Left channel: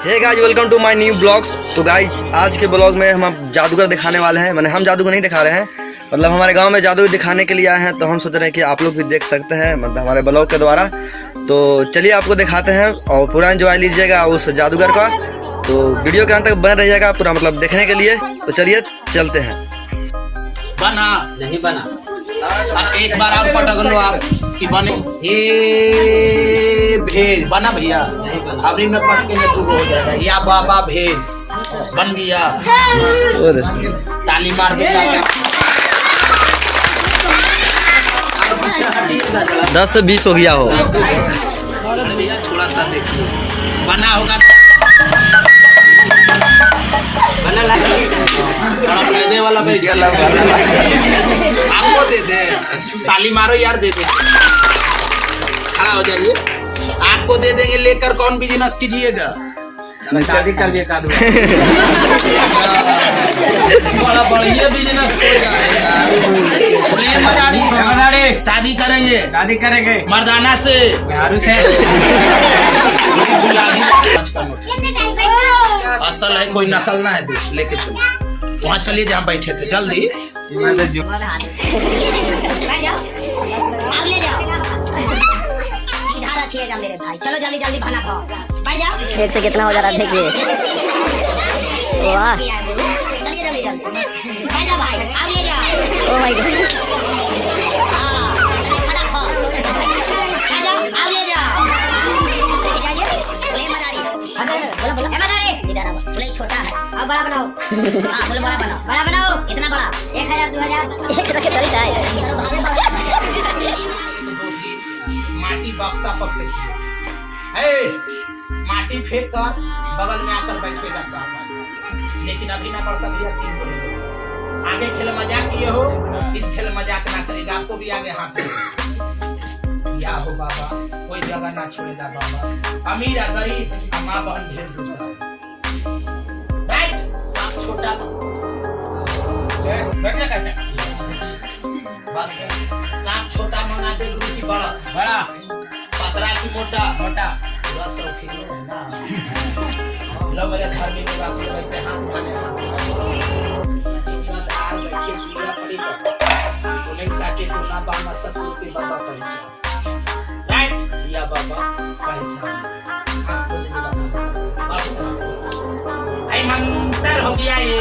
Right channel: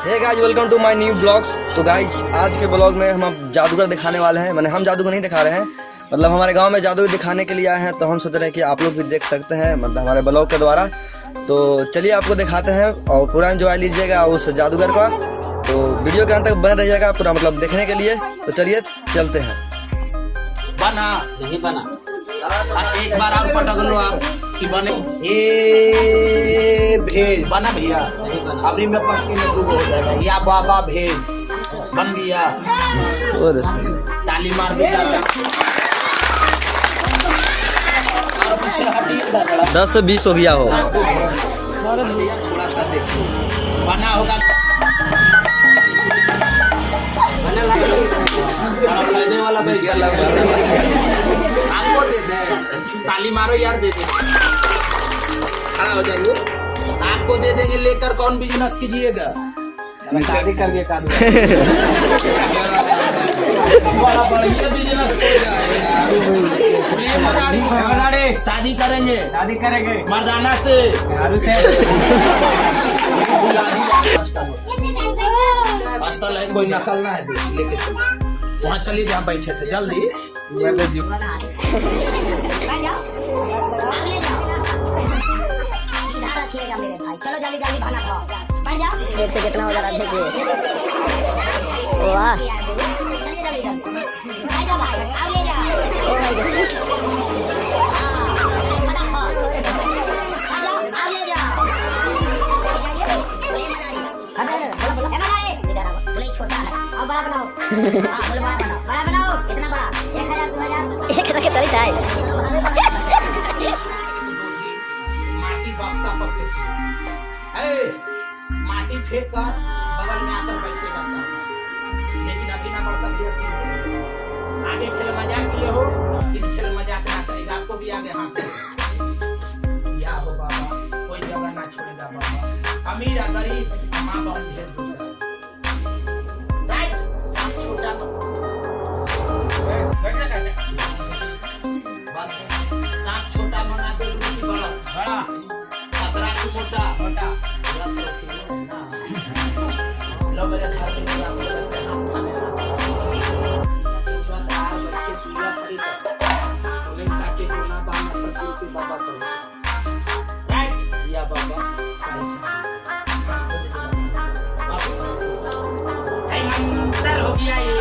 Hey guys welcome to my new blogs. तो guys आज के ब्लॉग में हम जादूगर दिखाने वाले हैं। मैंने हम जादूगर नहीं दिखा रहे हैं, मतलब हमारे गांव में जादू दिखाने के लिए आए हैं। तो हम सोच रहे हैं कि आप लोग भी देख सकते हैं मतलब हमारे ब्लॉग के द्वारा। तो चलिए आपको दिखाते हैं और पूरा एंजॉय लीजिएगा उस जादूगर का। तो वीडियो के अंत तक बने रहिएगा पूरा मतलब देखने के लिए। तो चलिए चलते हैं। बना नहीं बना, अब एक बार आप पटक लो आप कि बने ये भेद बना भैया। अभी मैं पटके में दो हो जाएगा या बाबा भेद बन गया। ताली मार दिया 10 से 20 हो गया हो भैया। थोड़ा सा देखिए बना होगा वाला आपको दे दे। ताली मारो यार, दे दे, खड़ा हो जाइए। आपको दे देंगे, लेकर कौन बिजनेस कीजिएगा? शादी कर ये बिजनेस शादी करेंगे मर्दाना से असल है, कोई नकल ना है दोस्त। लेके चलो वहाँ, चलिए जहाँ बैठे थे जल्दी। चलो जल्दी जल्दी खाना खाओ, बैठ जाओ। खेत से कितना हो जा रहा है देखिए। वाह, चलिए जल्दी जल्दी बैठ जाओ भाई, आओ ले जाओ। ओ माय गॉड, चलिए खाना खाओ, बैठ जाओ, आओ ले जाओ। ले जाइए, ले मदारी, बोलो बोलो मदारी, इधर आओ। बोले छोटा है, अब बड़ा बनाओ। हां बोलो बड़ा बनाओ, बड़ा बनाओ। कितना बड़ा? 1000 2000 कितना के चलता है? करो भागे पड़े। माटी बक्सा पकड़ माटी फेंक कर बगल में आकर बैठेगा साहब। लेकिन अभी ना बढ़ता भैया 3 महीने आगे खेल मजाक किए हो, इस खेल मजाक ना करेगा। आपको भी आगे हाथ या हो बाबा, कोई जगह ना छोड़ेगा बाबा। अमीर या गरीब माँ बहन ढेर राइट। सांप छोटा बस, सांप छोटा मना दे गुरु की बड़ा, पतरा की मोटा। मेरे धार्मिक बातें वैसे हाथ उठाने ताकि ना बाना सकते के बाबा राइट या बाबा आई मंत्र हो गया ये।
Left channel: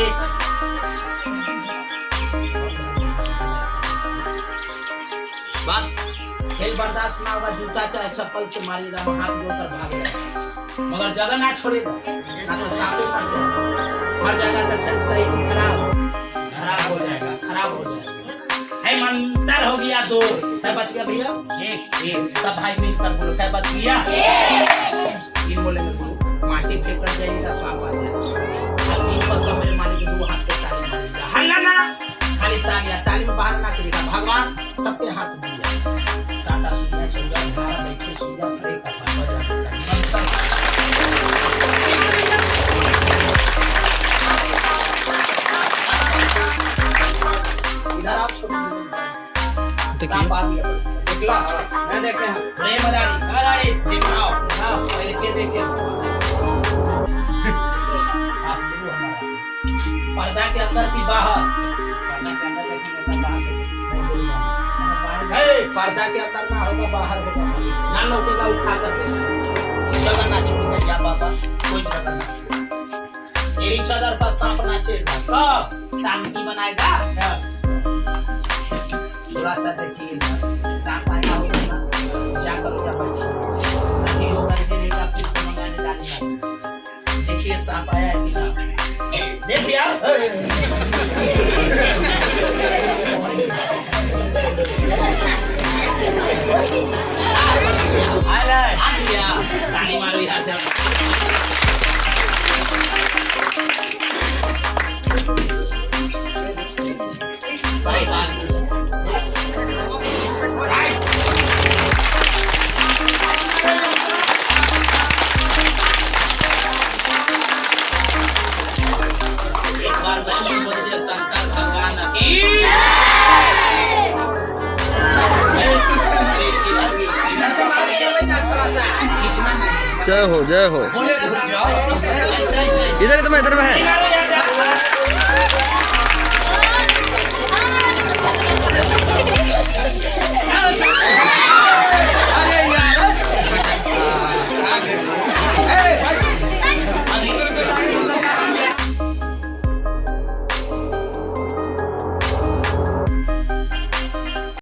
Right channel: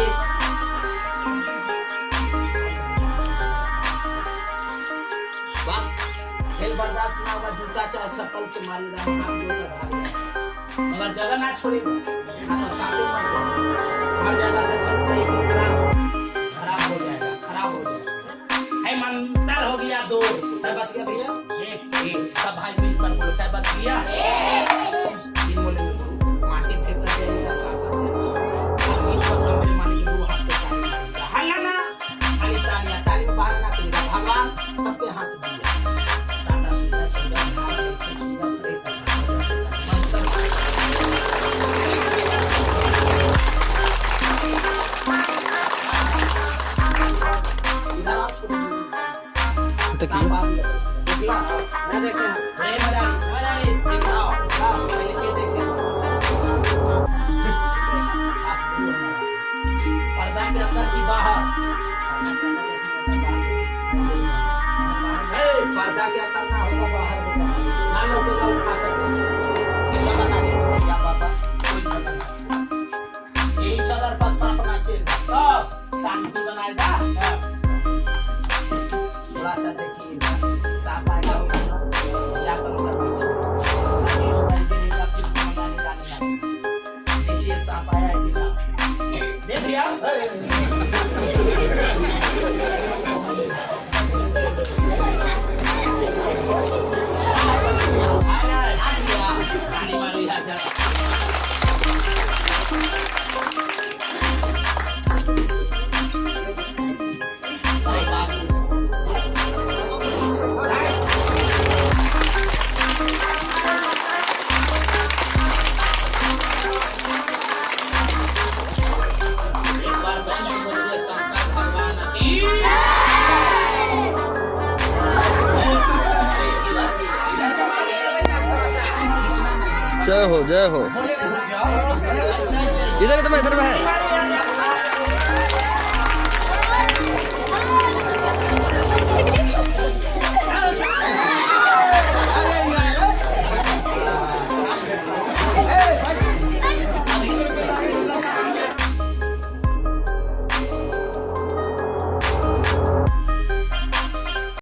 बस एक बर्दाश्त ना होगा, जूता चाहे चप्पल से मारेगा, हाथ जोड़कर भाग जाएगा, मगर जगह ना छोड़ेगा, ना तो सापी मर जाएगा। हर जगह तक सही खराब हो जाएगा। है मंत्र हो गया 2, क्या बच गया भैया? एक। सब भाई मिलकर बोलो, क्या बच गया? 3 बोले माटी फेंक कर जाएगा, सांप आ जाएगा। और 3 पर सब मिल मारेंगे, 2 हाथ के ताली मारेगा। हल्ला ना, खाली तालियां, ताली में बाहर ना करेगा। भगवान सबके हाथ में सादा सुधा चंद्र भारत बैठी सुधा पड़े का सांप आ गया। देखला मैं देखे हैं प्रेम मदारी दिखाओ पहले के देखे पर्दा के अंदर भी बाहर, पर्दा के अंदर ना होगा, बाहर होगा, ना लोगेगा, उठा कर जगह ना छोड़ेगा या बाबा, कोई जगह ना। यही चादर पर सांप नाचेगा तो शांति बनाएगा। थोड़ा सा देखिएगा, सांप आया होगा ना, जाकर उधर बैठिए, नहीं होगा गिरेगा, फिर से मंगाने डालना। देखिए सांप आया है कि देखिए ताली मारो यार। एक बार शंकर भगवान की जय हो जय हो। बोले भूल जाओ, ऐसे ऐसे ऐसे। इधर में है।